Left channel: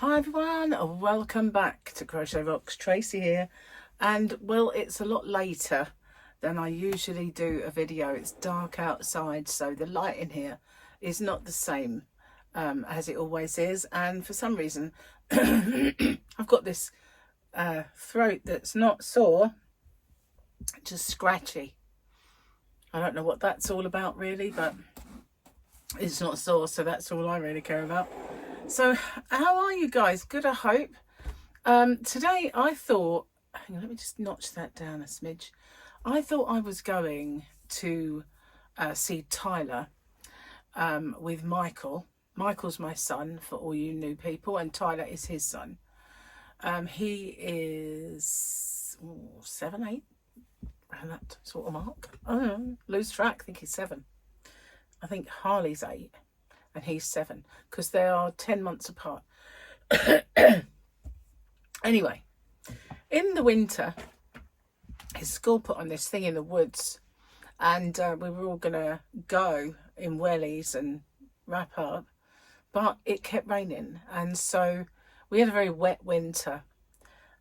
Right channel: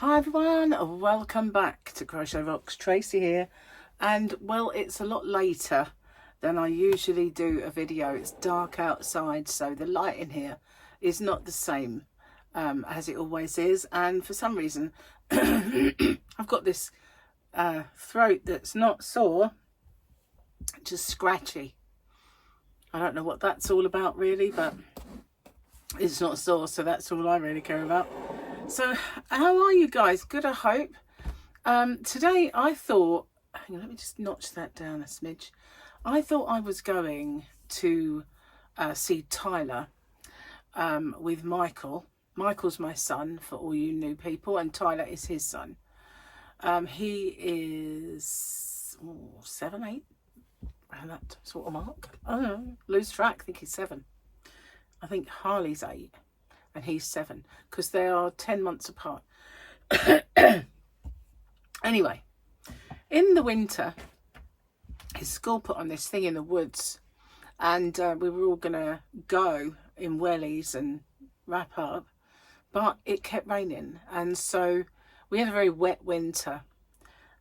Hi everyone, welcome back to Crochet Rocks. Tracy here, and well, it's a lot later than I usually do a video. It's dark outside, so the light in here is not the same as it always is, and for some reason I've got this throat that's not sore, just scratchy. I don't know what that's all about really, but it's not sore, so that's all I really care about. So how are you guys? Good, I hope. Today I thought, hang on, let me just notch that down a smidge. I thought I was going to see Tyler with Michael. Michael's my son, for all you new people, and Tyler is his son. He is 7, 8, around that sort of mark. I don't know, lose track. I think he's 7. I think Harley's 8 and he's 7, because they are 10 months apart. Anyway, in the winter, his school put on this thing in the woods, and we were all gonna go in wellies and wrap up, but it kept raining, and so we had a very wet winter,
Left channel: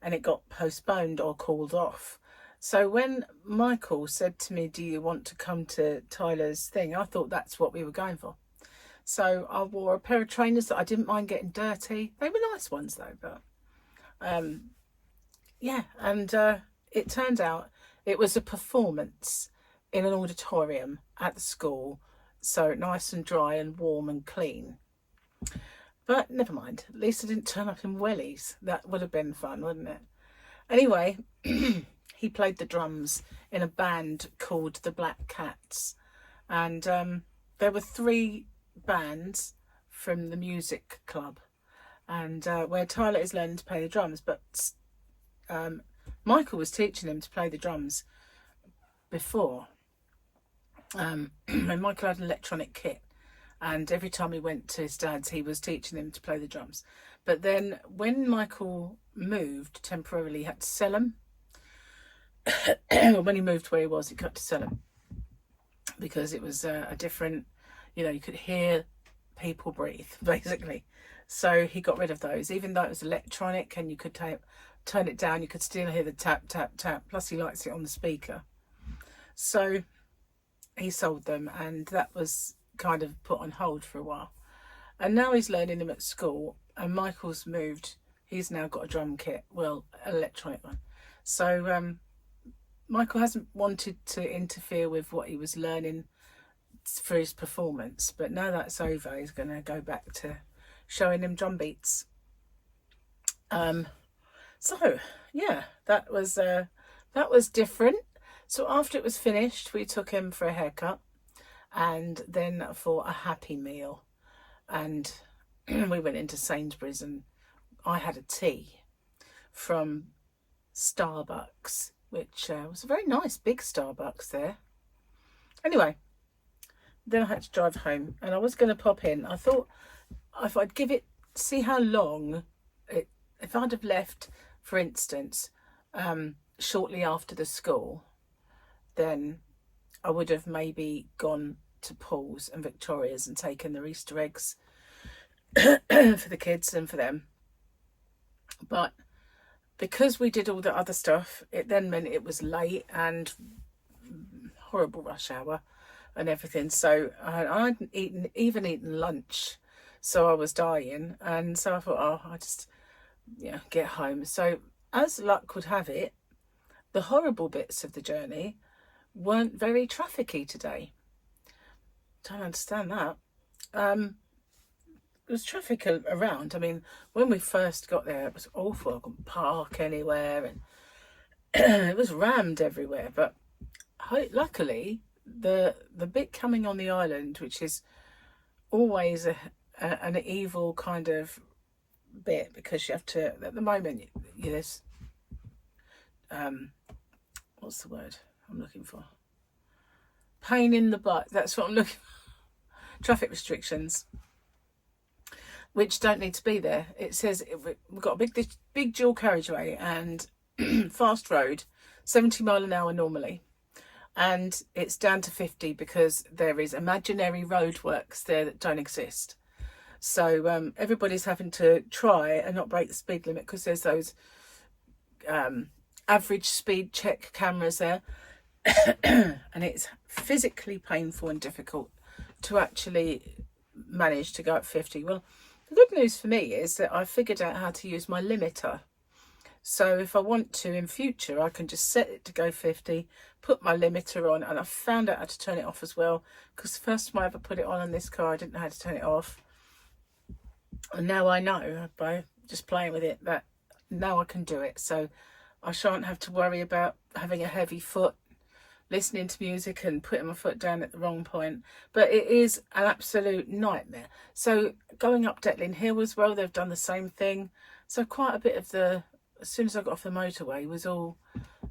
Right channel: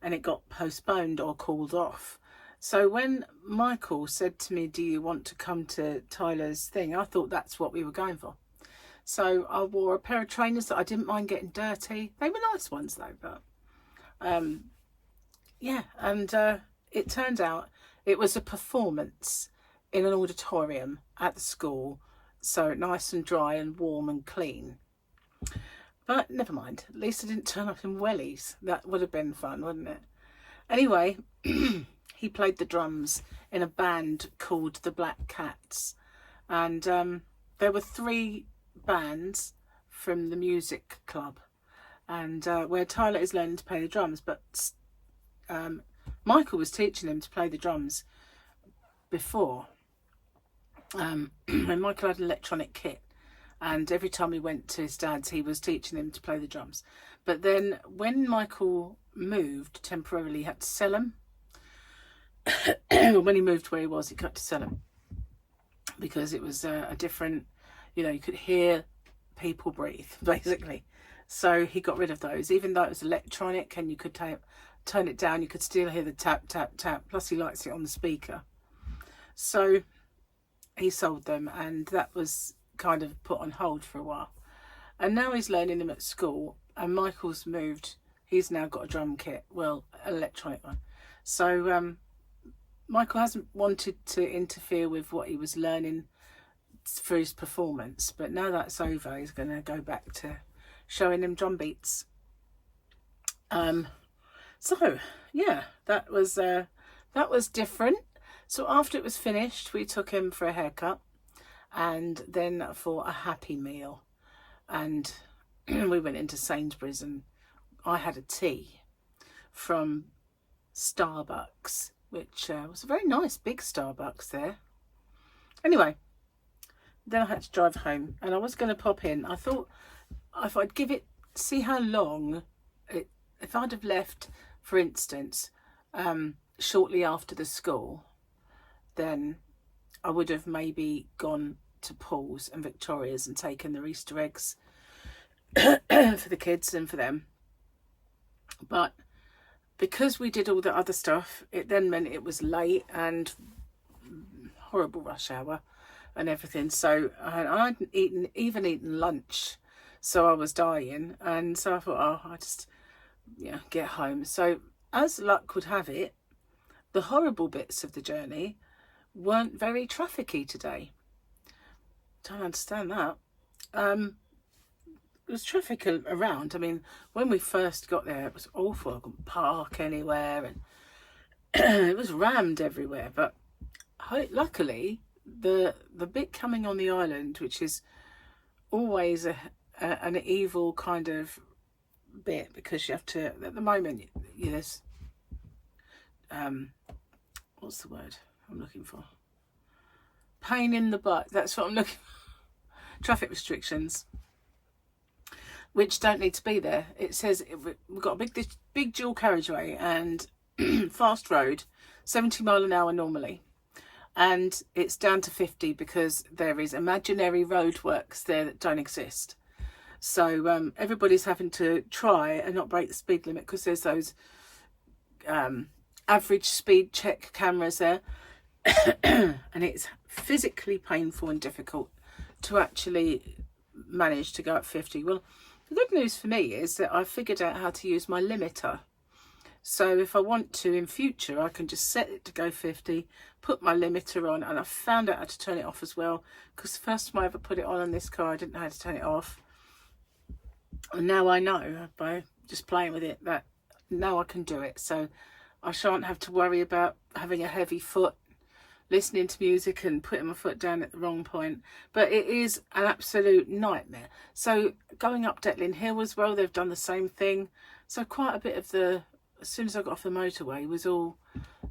and it got postponed or called off. So when Michael said to me, do you want to come to Tyler's thing, I thought that's what we were going for. So I wore a pair of trainers that I didn't mind getting dirty. They were nice ones though, but yeah, and it turned out it was a performance in an auditorium at the school, so nice and dry and warm and clean. But never mind, at least I didn't turn up in wellies. That would have been fun, wouldn't it? Anyway, he played the drums in a band called the Black Cats, and there were 3 bands from the music club, and where Tyler is learning to play the drums, but Michael was teaching him to play the drums before. When Michael had an electronic kit, and every time he went to his dad's he was teaching him to play the drums, but then when Michael moved temporarily, he had to sell them. When he moved where he was, he got to sell them because it was a different, you know, you could hear people breathe basically, so he got rid of those. Even though it was electronic and you could turn it down, you could still hear the tap tap tap, plus he likes it on the speaker, so he sold them, and that was kind of put on hold for a while, and now he's learning them at school. And Michael's moved, he's now got a drum kit, well, an electronic one, so Michael hasn't wanted to interfere with what he was learning for his performance, but now that's over, he's going to go back to showing him drum beats. So yeah, that was different. So after it was finished, we took him for a haircut, and then for a happy meal, and we went into Sainsbury's, and I had a tea from Starbucks, which was a very nice big Starbucks there. Anyway, then I had to drive home, and I was going to pop in. I thought if I'd give it, see how long if I'd have left, for instance, shortly after the school, then I would have maybe gone to Paul's and Victoria's and taken their Easter eggs for the kids and for them. But because we did all the other stuff, it then meant it was late and horrible rush hour and everything, so I hadn't even eaten lunch, so I was dying, and so I thought, oh, I just get home. So as luck would have it, the horrible bits of the journey weren't very trafficky today. Don't understand that. There was traffic around. I mean, when we first got there, it was awful. I couldn't park anywhere, and it was rammed everywhere. But luckily, the bit coming on the island, which is always an evil kind of bit, because you have to, at the moment, there's what's the word I'm looking for? Pain in the butt. That's what I'm looking for. Traffic restrictions, which don't need to be there. It says we've got a big dual carriageway and fast road, 70 mile an hour normally, and it's down to 50 because there is imaginary roadworks there that don't exist. So everybody's having to try and not break the speed limit, because there's those average speed check cameras there. And it's physically painful and difficult to actually manage to go at 50. Well, the good news for me is that I figured out how to use my limiter. So if I want to in future, I can just set it to go 50, put my limiter on, and I found out how to turn it off as well, because the first time I ever put it on this car, I didn't know how to turn it off. And now I know, by just playing with it, that now I can do it. So I shan't have to worry about having a heavy foot, listening to music and putting my foot down at the wrong point. But it is an absolute nightmare. So going up Detling Hill as well, they've done the same thing. So quite a bit of the, as soon as I got off the motorway, was all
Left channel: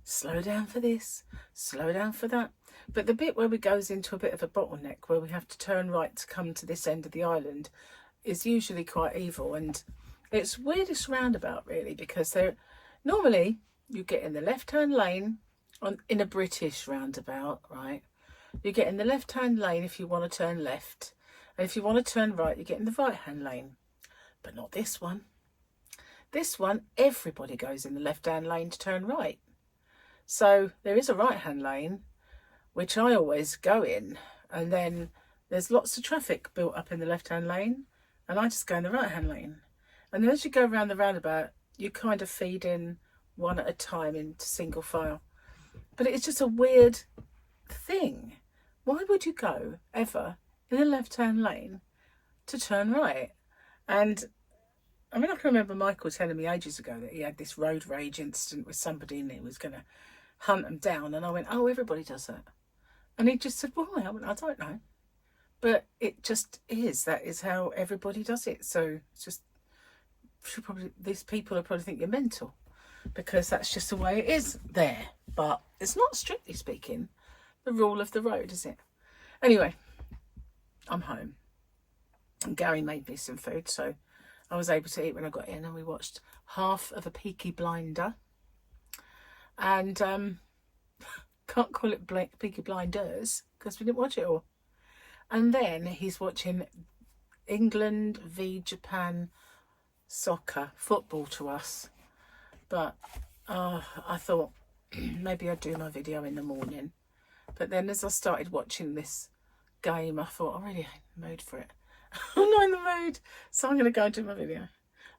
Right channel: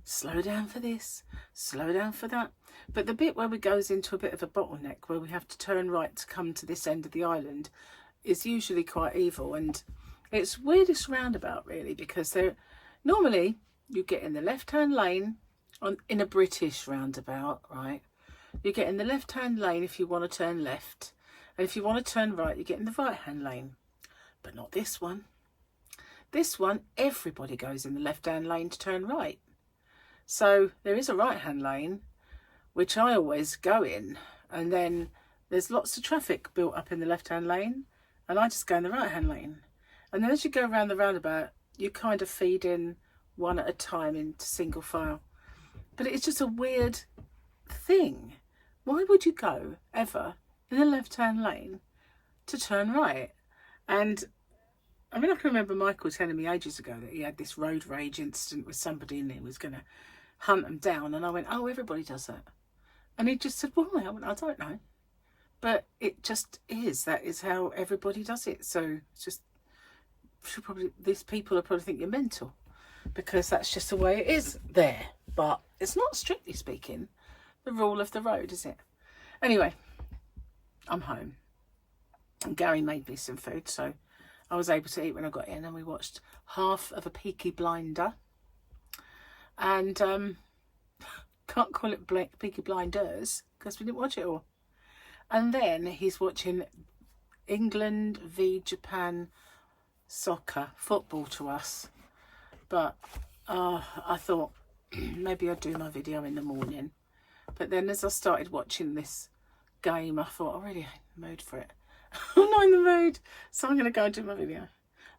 slow down for this, slow down for that. But the bit where it goes into a bit of a bottleneck, where we have to turn right to come to this end of the island, is usually quite evil. And it's weirdest roundabout, really, because they're normally, you get in the left-hand lane in a British roundabout, right? You get in the left-hand lane if you want to turn left. And if you want to turn right, you get in the right-hand lane. But not this one. This one, everybody goes in the left-hand lane to turn right. So there is a right-hand lane, which I always go in. And then there's lots of traffic built up in the left-hand lane. And I just go in the right-hand lane. And then as you go around the roundabout, you kind of feed in one at a time into single file. But it's just a weird thing. Why would you go ever in the left-hand lane to turn right? And I mean, I can remember Michael telling me ages ago that he had this road rage incident with somebody and he was going to hunt them down. And I went, oh, everybody does that. And he just said, why? I went, I don't know. But it just is. That is how everybody does it. So it's just, these people will probably think you're mental, because that's just the way it is there. But it's not, strictly speaking, the rule of the road, is it? Anyway, I'm home. And Gary made me some food, so I was able to eat when I got in, and we watched half of a Peaky Blinder. And can't call it Peaky Blinders, because we didn't watch it all. And then he's watching England v Japan soccer, football to us. But I thought maybe I'd do my video in the morning. But then as I started watching this game, I thought, I really ain't in the mood for it. I'm not in the mood. So I'm going to go and do my video.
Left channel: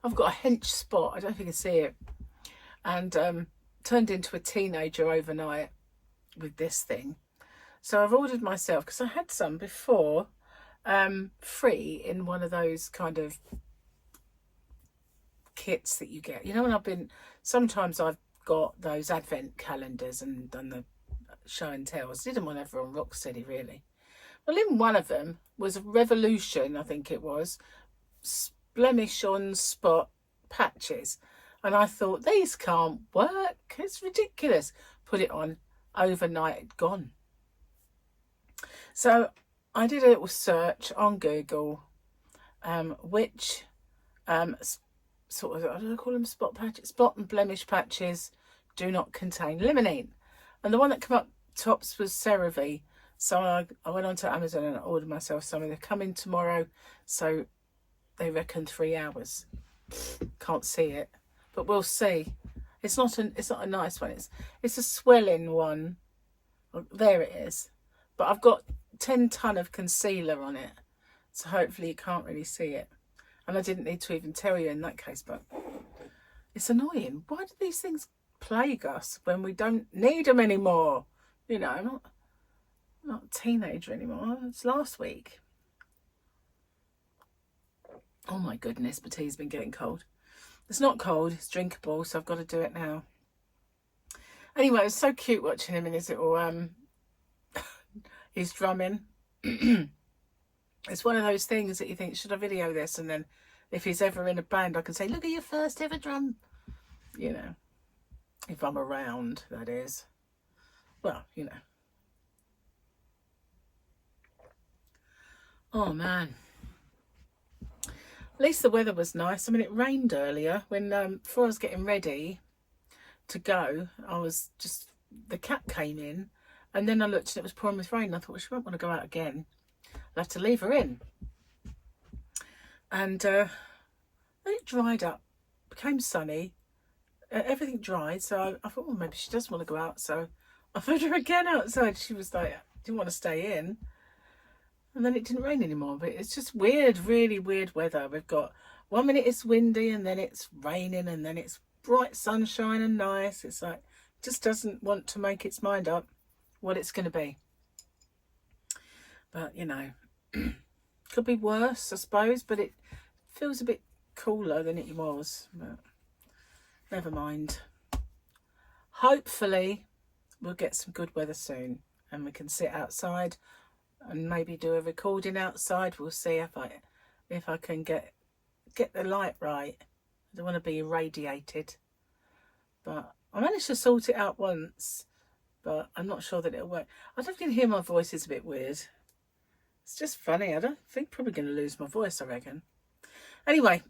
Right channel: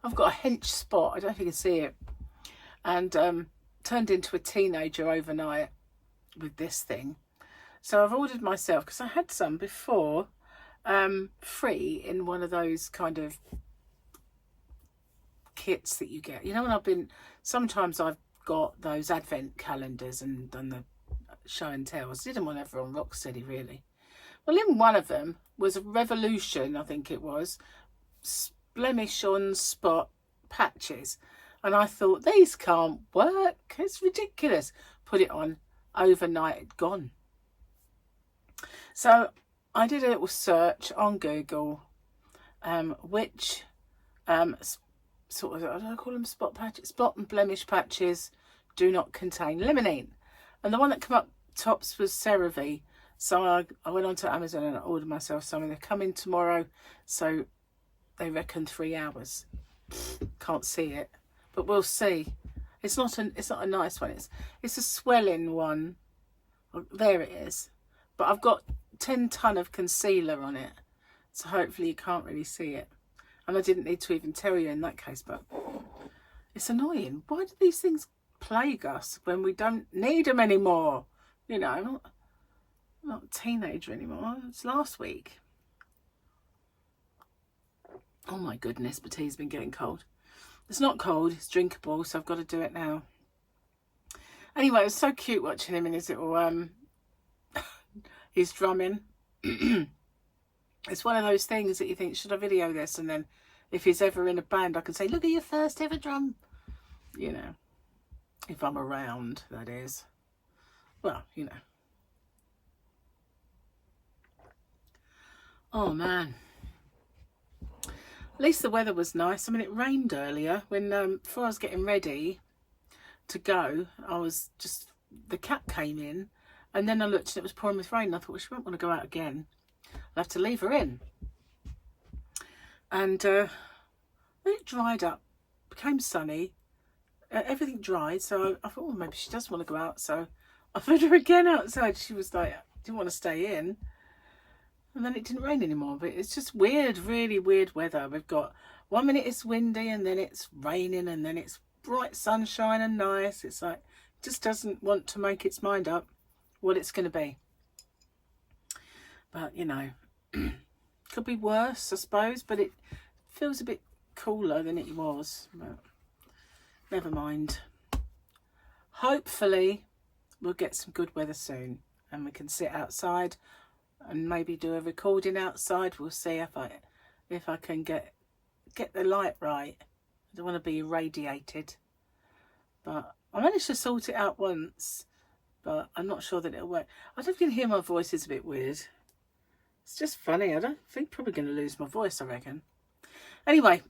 I've got a hench spot. I don't know if you can see it. And turned into a teenager overnight with this thing. So I've ordered myself, because I had some before, free in one of those kind of kits that you get. You know, when sometimes I've got those advent calendars and done the show and tells. Didn't want everyone rock steady, really. Well, in one of them was a Revolution, I think it was, blemish on spot patches. And I thought, these can't work. It's ridiculous. Put it on. Overnight, it'd gone. So I did a little search on Google, which sort of, I don't call them spot patches, spot and blemish patches do not contain limonene. And the one that came up tops was CeraVe. So I went onto Amazon and I ordered myself some. They're coming tomorrow, so they reckon 3 hours. Can't see it, but we'll see. It's not a nice one. It's a swelling one. Well, there it is. But I've got 10 ton of concealer on it, so hopefully you can't really see it. And I didn't need to even tell you in that case, but it's annoying. Why do these things plague us when we don't need them anymore? You know, I'm not a teenager anymore. It's last week. Oh my goodness, but tea's been getting cold. It's not cold, it's drinkable, so I've got to do it now. Anyway, it's so cute watching him in his little he's drumming. It's one of those things that you think, should I video this? And then if he's ever in a band, I can say, look at your first ever drum. You know, if I'm around, that is. Well, you know. Oh, man. At least the weather was nice. I mean, it rained earlier when, before I was getting ready to go, the cat came in. And then I looked and it was pouring with rain. I thought, well, she won't want to go out again. I'll have to leave her in. And then it dried up, became sunny, everything dried. So I thought, well, maybe she does want to go out. So I put her again outside. She was like, didn't want to stay in. And then it didn't rain anymore. But it's just weird, really weird weather. We've got 1 minute it's windy, and then it's raining, and then it's bright sunshine and nice. It's like, just doesn't want to make its mind up what it's going to be. But, you know, could be worse, I suppose, but it feels a bit cooler than it was. But never mind. Hopefully we'll get some good weather soon, and we can sit outside and maybe do a recording outside. We'll see if I can get the light right. I don't want to be irradiated, but I managed to sort it out once, but I'm not sure that it'll work. I don't can hear my voice is a bit weird. It's just funny. I don't think probably going to lose my voice, I reckon. Anyway,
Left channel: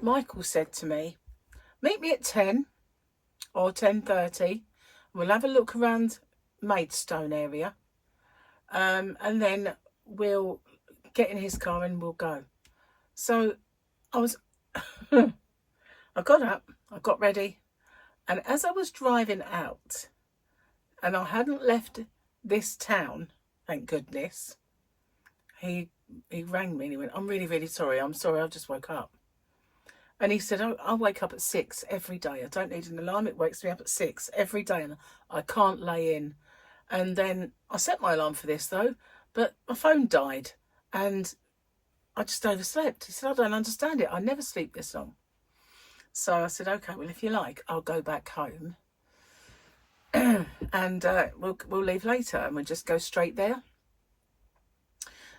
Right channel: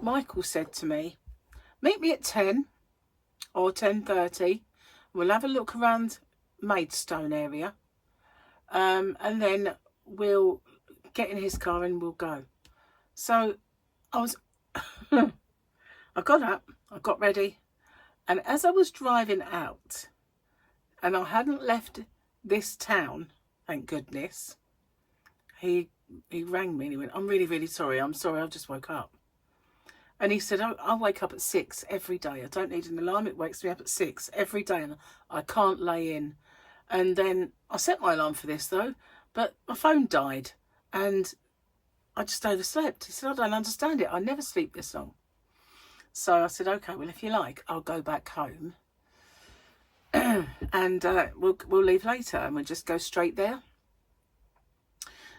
Michael said to me, meet me at 10 or 10:30. We'll have a look around Maidstone area. And then we'll get in his car and we'll go. So I got up, I got ready. And as I was driving out, and I hadn't left this town, thank goodness, he rang me and he went, I'm really, really sorry. I'm sorry, I just woke up. And he said, I wake up at 6 every day. I don't need an alarm. It wakes me up at 6 every day, and I can't lay in. And then I set my alarm for this, though, but my phone died, and I just overslept. He said, I don't understand it. I never sleep this long. So I said, okay, well, if you like, I'll go back home and we'll leave later, and we'll just go straight there.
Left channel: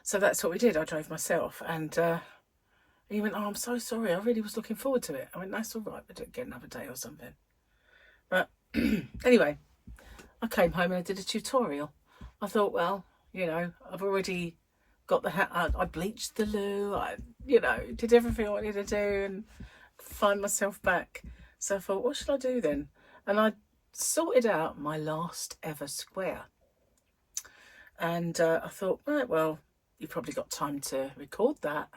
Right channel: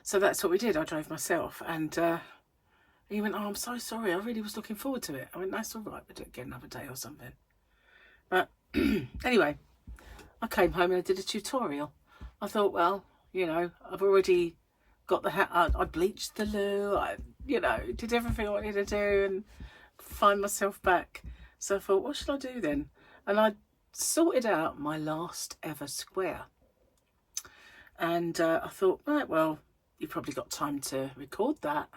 So that's what we did. I drove myself, and he went, oh, I'm so sorry. I really was looking forward to it. I went, that's all right. We'll get another day or something. But anyway, I came home and I did a tutorial. I thought, well, you know, I've already got the hat. I bleached the loo. I, you know, did everything I wanted to do and find myself back. So I thought, what should I do then? And I sorted out my last ever square. And I thought, right, well, you've probably got time to record that.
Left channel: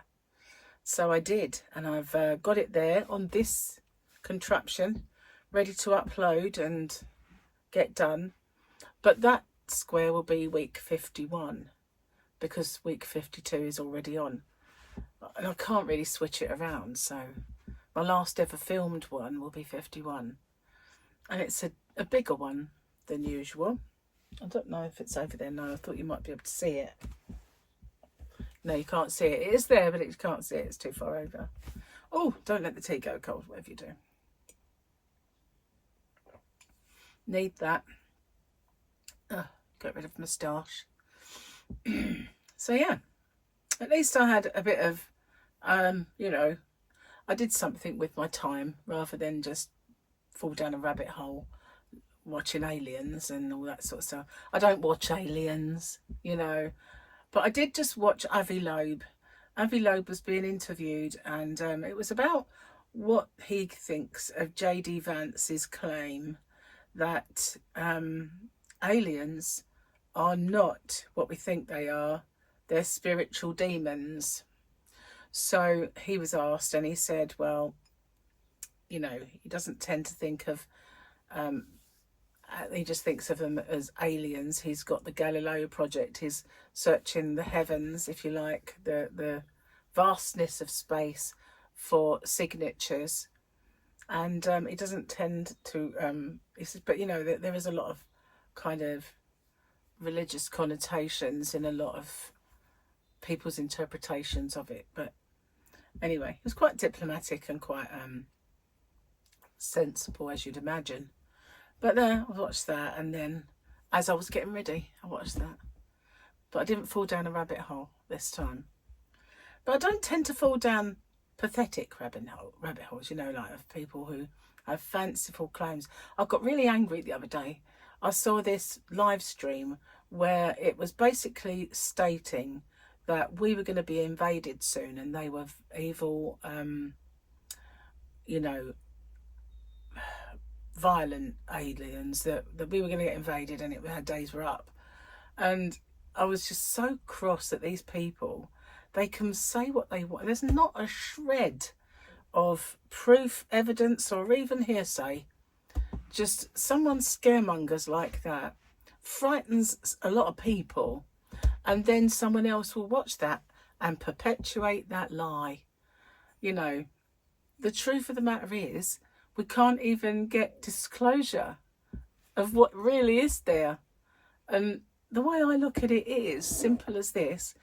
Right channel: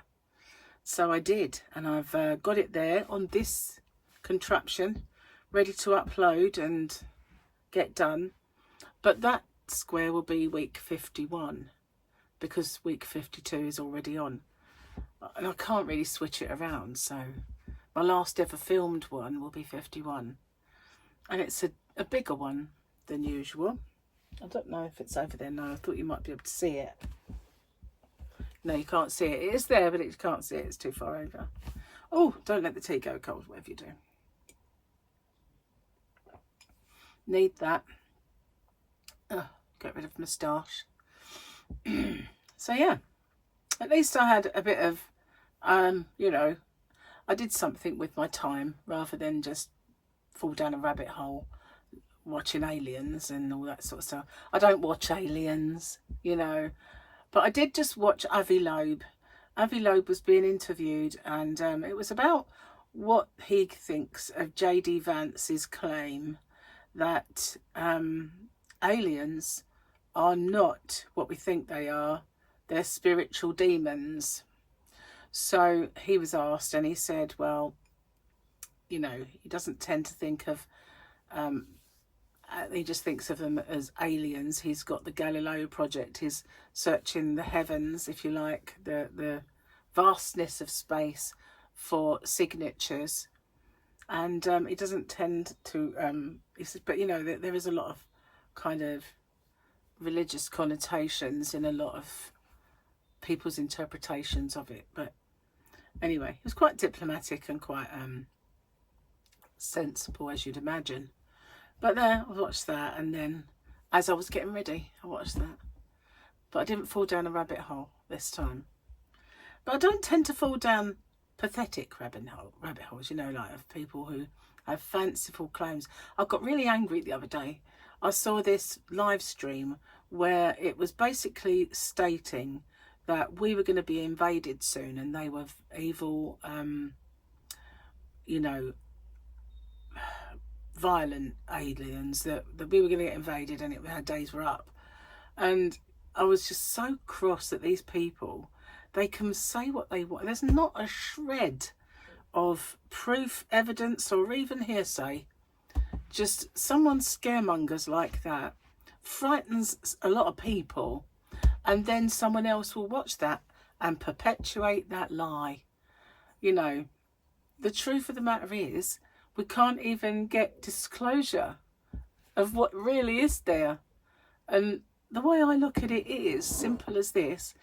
So I did, and I've got it there on this contraption, ready to upload and get done. But that square will be week 51, because week 52 is already on. And I can't really switch it around, so my last ever filmed one will be 51. And it's a bigger one than usual. I don't know if it's over there now. I thought you might be able to see it. No, you can't see it. It is there, but you can't see it. It's too far over. Oh, don't let the tea go cold, whatever you do. Need that. Get rid of moustache. So, yeah. At least I had a bit of, you know, I did something with my time rather than just fall down a rabbit hole watching Aliens and all that sort of stuff. I don't watch Aliens, you know. But I did just watch Avi Loeb. Avi Loeb was being interviewed, and it was about what he thinks of J.D. Vance's claim that aliens are not what we think they are. They're spiritual demons. So he was asked, and he said, well, you know, he doesn't tend to think of... he just thinks of them as aliens. He's got the Galileo project. He's searching the heavens, if you like, the vastness of space for signatures. And he doesn't tend to, he says, but you know, there is a lot of kind of religious connotations in a lot of people's interpretations of it. But anyway, he was quite diplomatic and quite sensible, as you'd imagine. But there, I watched that, and then as I was getting ready, I watched that. But I didn't fall down a rabbit hole this time. But I don't tend to fall down pathetic rabbit holes, you know, like of people who have fanciful claims. I got really angry the other day. I saw this live stream where it was basically stating that we were going to be invaded soon, and they were evil, you know, violent aliens, that we were going to get invaded, and our days were up. And I was just so cross at these people they can say what they want. There's not a shred of proof, evidence, or even hearsay. Just someone scaremongers like that frightens a lot of people, and then someone else will watch that and perpetuate that lie. You know, the truth of the matter is, we can't even get disclosure of what really is there. And the way I look at it is simple as this.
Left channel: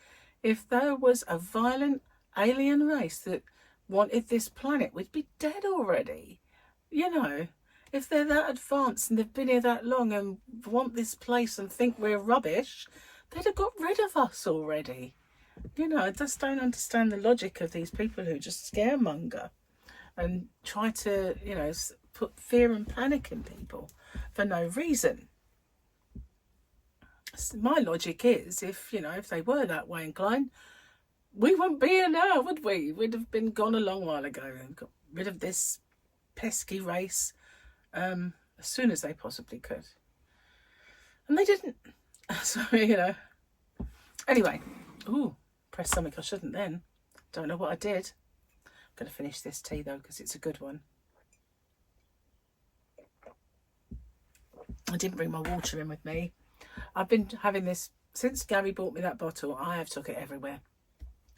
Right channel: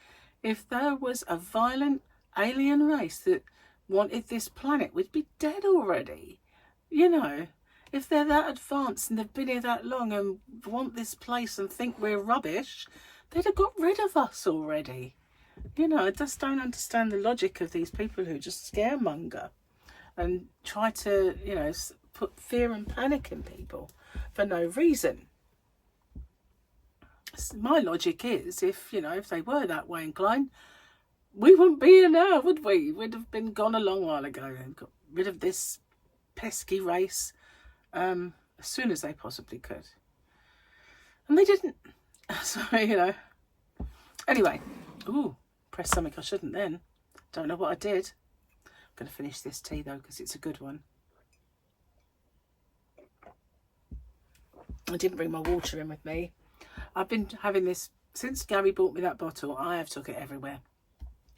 If there was a violent alien race that wanted this planet, we'd be dead already. You know, if they're that advanced and they've been here that long and want this place and think we're rubbish, they'd have got rid of us already. You know, I just don't understand the logic of these people who just scaremonger and try to, you know, put fear and panic in people for no reason. My logic is, if they were that way inclined, we wouldn't be here now, would we? We'd have been gone a long while ago and got rid of this pesky race as soon as they possibly could. And they didn't. So, Anyway, pressed something I shouldn't then. Don't know what I did. I'm going to finish this tea though, because it's a good one. I didn't bring my water in with me. I've been having this since Gary bought me that bottle. I have took it everywhere.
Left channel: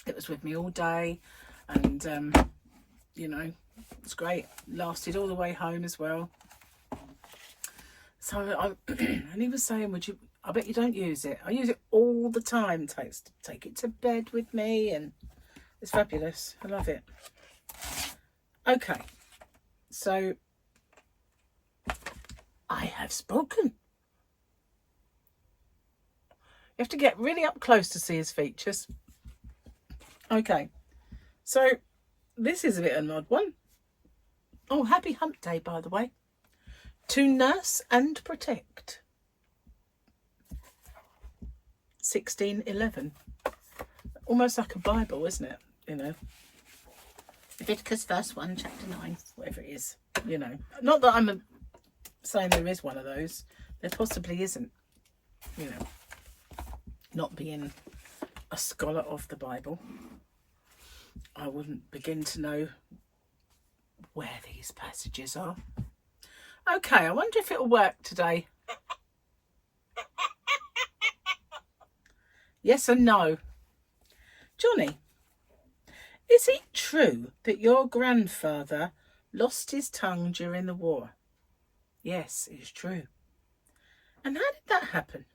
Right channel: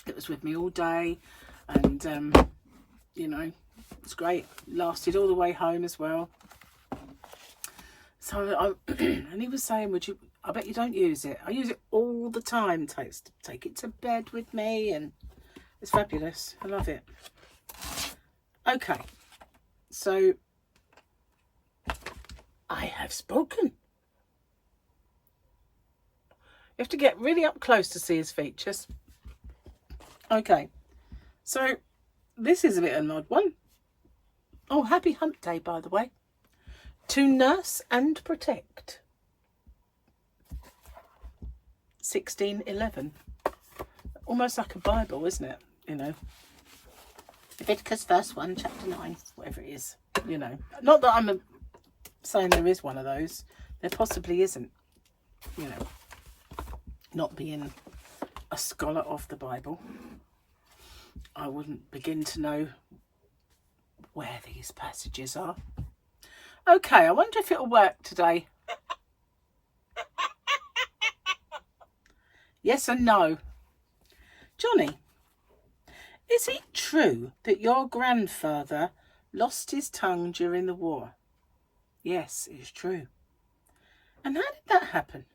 It was with me all day, and it's great. Lasted all the way home as well. So and he was saying, I bet you don't use it. I use it all the time. Take it to bed with me, and it's fabulous. I love it. Okay, so I have spoken. You have to get really up close to see his features. Okay, so this is a bit of an odd one. Oh, happy hump day, by the way. To nurse and protect. 1611. Almost like a Bible, isn't it? Leviticus verse 1, chapter 9, whatever it is. Not that I'm saying there is one of those. There possibly isn't. Not being a scholar of the Bible, I wouldn't begin to know where these passages are. Okay, I wonder if it'll work today. Yes and no. Johnny, is it true that your grandfather lost his tongue during the war? Yes, it's true. And how did that happen?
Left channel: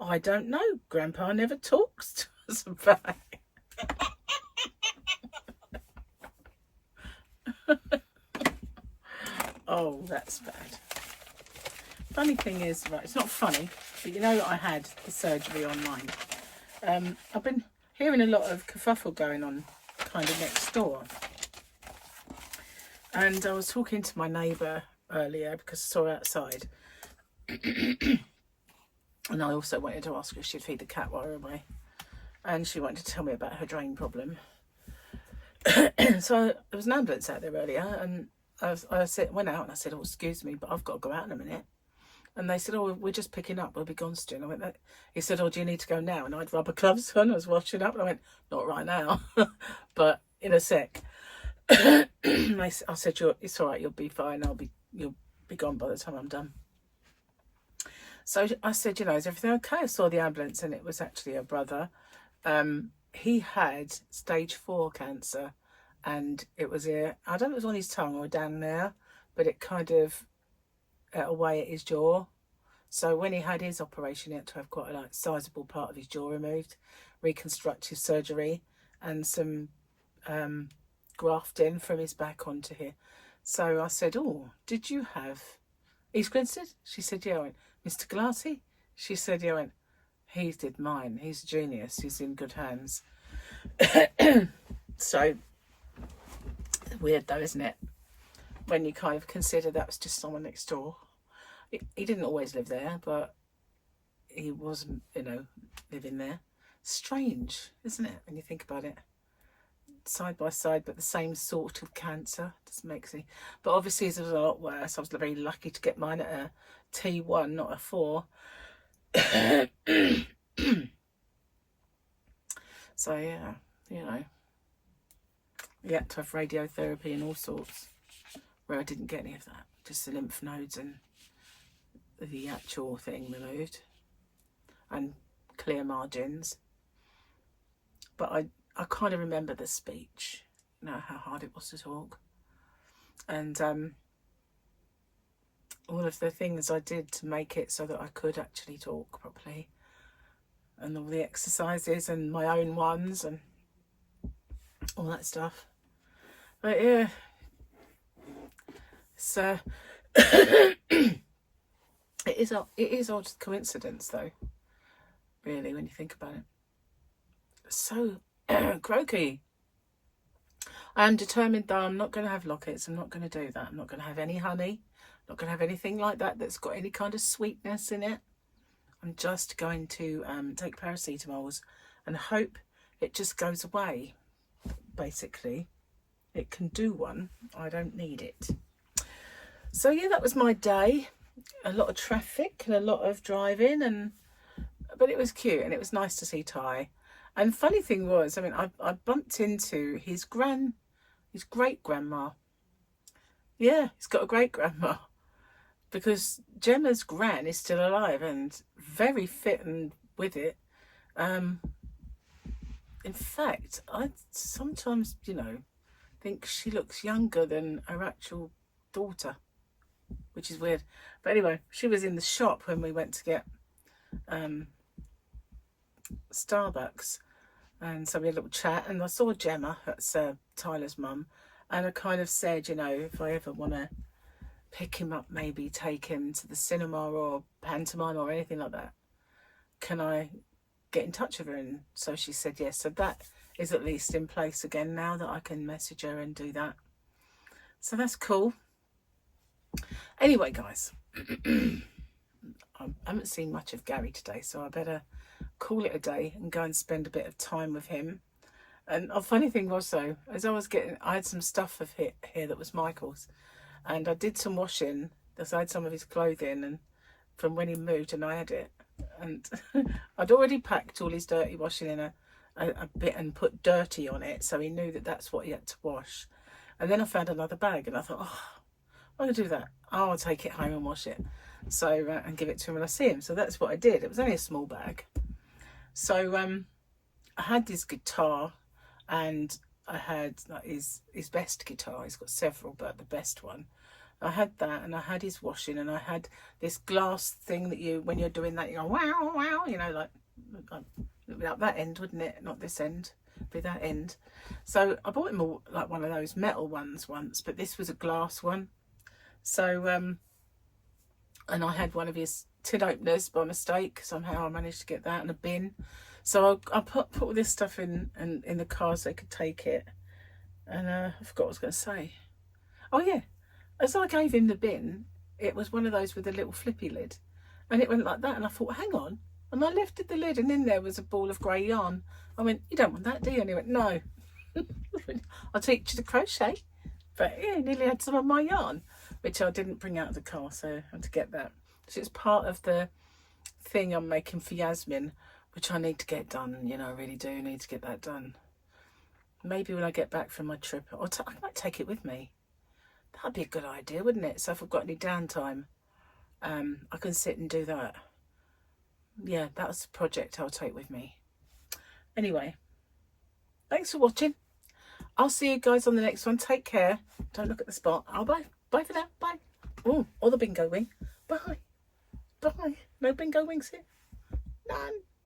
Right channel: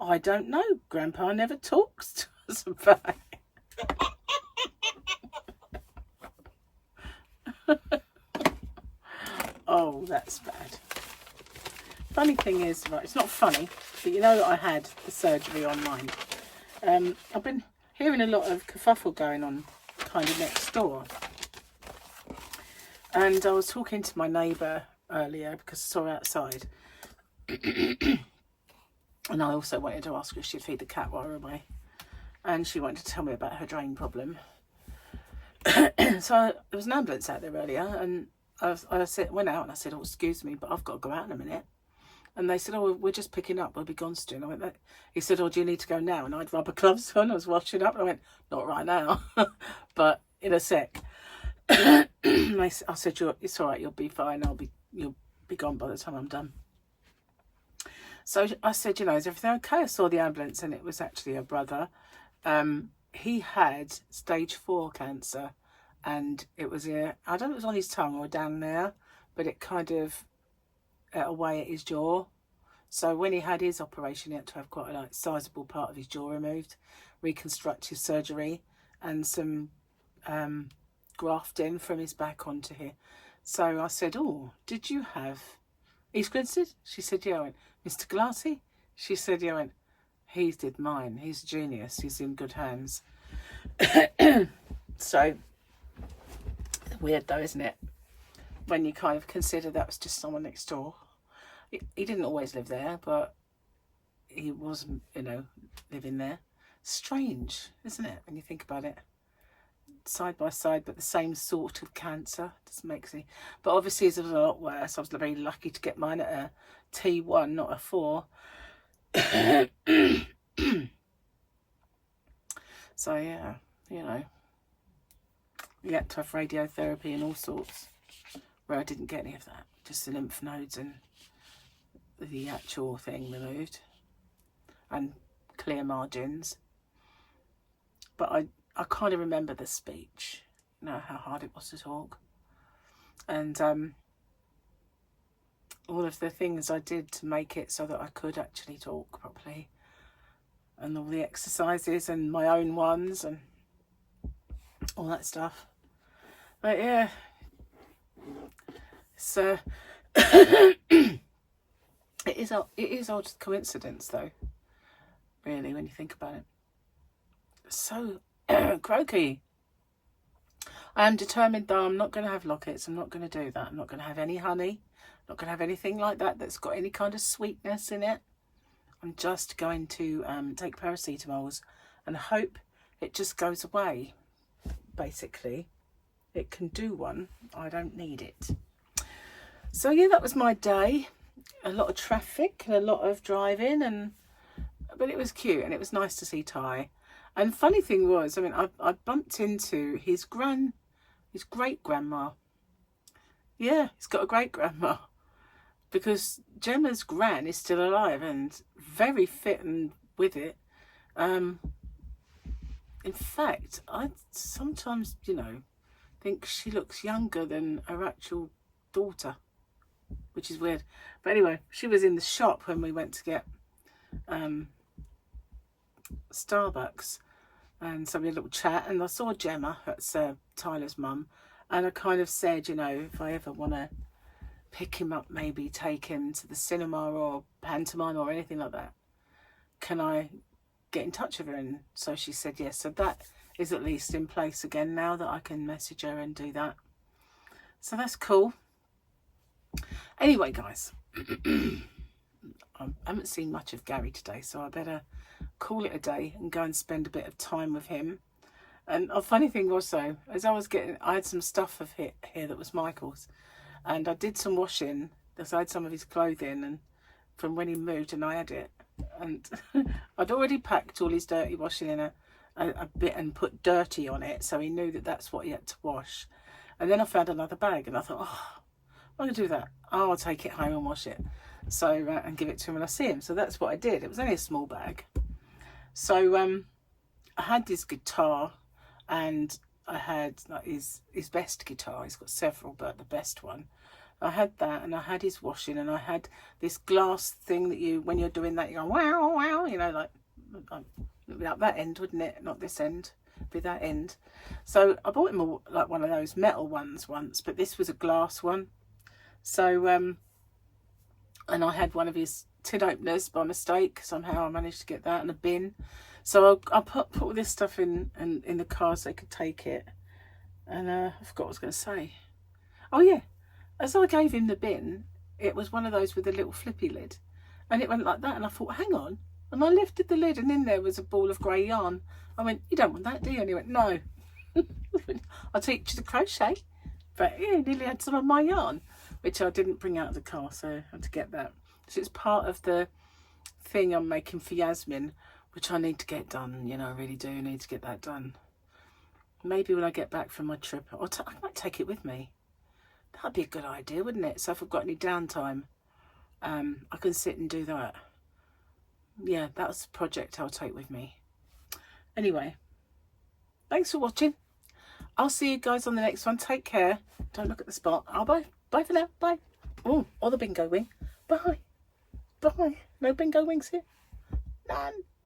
I don't know. Grandpa never talks to us about it. Oh, that's bad. Funny thing is, right, it's not funny, but I had the surgery on mine. I've been hearing a lot of kerfuffle going on kind of next door. And I was talking to my neighbour earlier because I saw her outside. And I also wanted to ask her if she'd feed the cat while we were away. And she wanted to tell me about her drain problem. So there was an ambulance out there earlier, and I went out and I said, oh, excuse me, but I've got to go out in a minute. And they said, oh, we're just picking up. We'll be gone soon. I went, he said, oh, do you need to go now? And I had rubber gloves on. I was washing up. And I went, not right now, but in a sec. I said, it's all right. You'll be fine. You'll be gone by the time I'm done. So I said, is everything okay? I saw the ambulance, and it was actually a brother. He had stage 4 cancer, and it was I don't know if it was on his tongue or down there, but it kind of ate away at his jaw. So when he had his operation, he had to have quite a sizable part of his jaw removed, reconstructive surgery, and some grafting from his back onto here. So I said, oh, did you have East Grinstead? She said, yeah. I went, Mr. Glassy? She said, yeah. I went, he did mine. He's a genius. He's in good hands. So, weird though, isn't it? When you kind of consider that was just someone next door. He didn't always live there, but he was, living there. Strange, isn't it, when you think about it? Side by side, but the same sort of cancer. Doesn't make sense. But obviously it was a lot worse. I was very lucky to get mine at a T1, not a 4. So yeah, you know, you had to have radiotherapy and all sorts, where I didn't get any of that, just the lymph nodes and the actual thing removed and clear margins. But I kind of remember the speech, you know, how hard it was to talk, and all of the things I did to make it so that I could actually talk properly, and all the exercises and my own ones and all that stuff. But yeah, so it is odd coincidence though, really, when you think about it. So croaky. I am determined though, I'm not going to have lockets. I'm not going to do that. I'm not going to have any honey. Not going to have anything like that that's got any kind of sweetness in it. I'm just going to take paracetamols and hope it just goes away. Basically, it can do one. I don't need it. So yeah, that was my day. A lot of traffic and a lot of driving, but it was cute and it was nice to see Ty. And funny thing was, I mean, I bumped into his great grandma. Yeah, he's got a great grandma, because Gemma's gran is still alive and very fit and with it. In fact, I sometimes, you know, think she looks younger than her actual daughter, which is weird. But anyway, she was in the shop when we went to get Starbucks, and so we had a little chat, and I saw Gemma, that's Tyler's mum, and I kind of said, you know, if I ever want to pick him up, maybe take him to the cinema or pantomime or anything like that, can I get in touch with her? And so she said yes. So that is at least in place again now, that I can message her and do that. So that's cool. Anyway, guys, I haven't seen much of Gary today, so I better call it a day and go and spend a bit of time with him. And a funny thing was, though, as I had some stuff of here that was Michael's, and I did some washing, because I had some of his clothing and from when he moved, and I had it, and I'd already packed all his dirty washing in a bit and put dirty on it, so he knew that that's what he had to wash. And then I found another bag, and I thought, oh, I'm going to do that. Oh, I'll take it home and wash it, so and give it to him when I see him. So that's what I did. It was only a small bag. So I had his guitar, and I had like his best guitar. He's got several, but the best one. I had that, and I had his washing, and I had this glass thing that you, when you're doing that, you go wow, wow, you know, like that end, wouldn't it? Not this end, be that end. So I bought him like one of those metal ones once, but this was a glass one. So and I had one of his tin openers by mistake. Somehow I managed to get that in a bin. So I put all this stuff in the car so they could take it. And I forgot what I was going to say. Oh yeah, as I gave him the bin, it was one of those with a little flippy lid, and it went like that. And I thought, hang on. And I lifted the lid, and in there was a ball of grey yarn. I went, you don't want that, do you? And he went, no. I'll teach you to crochet. But yeah, he nearly had some of my yarn, which I didn't bring out of the car, so I had to get that. So it's part of the thing I'm making for Yasmin, which I need to get done. You know, I really do need to get that done. Maybe when I get back from my trip, I might take it with me. That'd be a good idea, wouldn't it? So if I've got any downtime, I can sit and do that. Yeah, that's a project I'll take with me. Anyway, thanks for watching. I'll see you guys on the next one. Take care. Don't look at the spot. Oh, bye. Bye for now. Bye. Oh, or the bingo wing. Bye. Bye. No bingo wings here. None.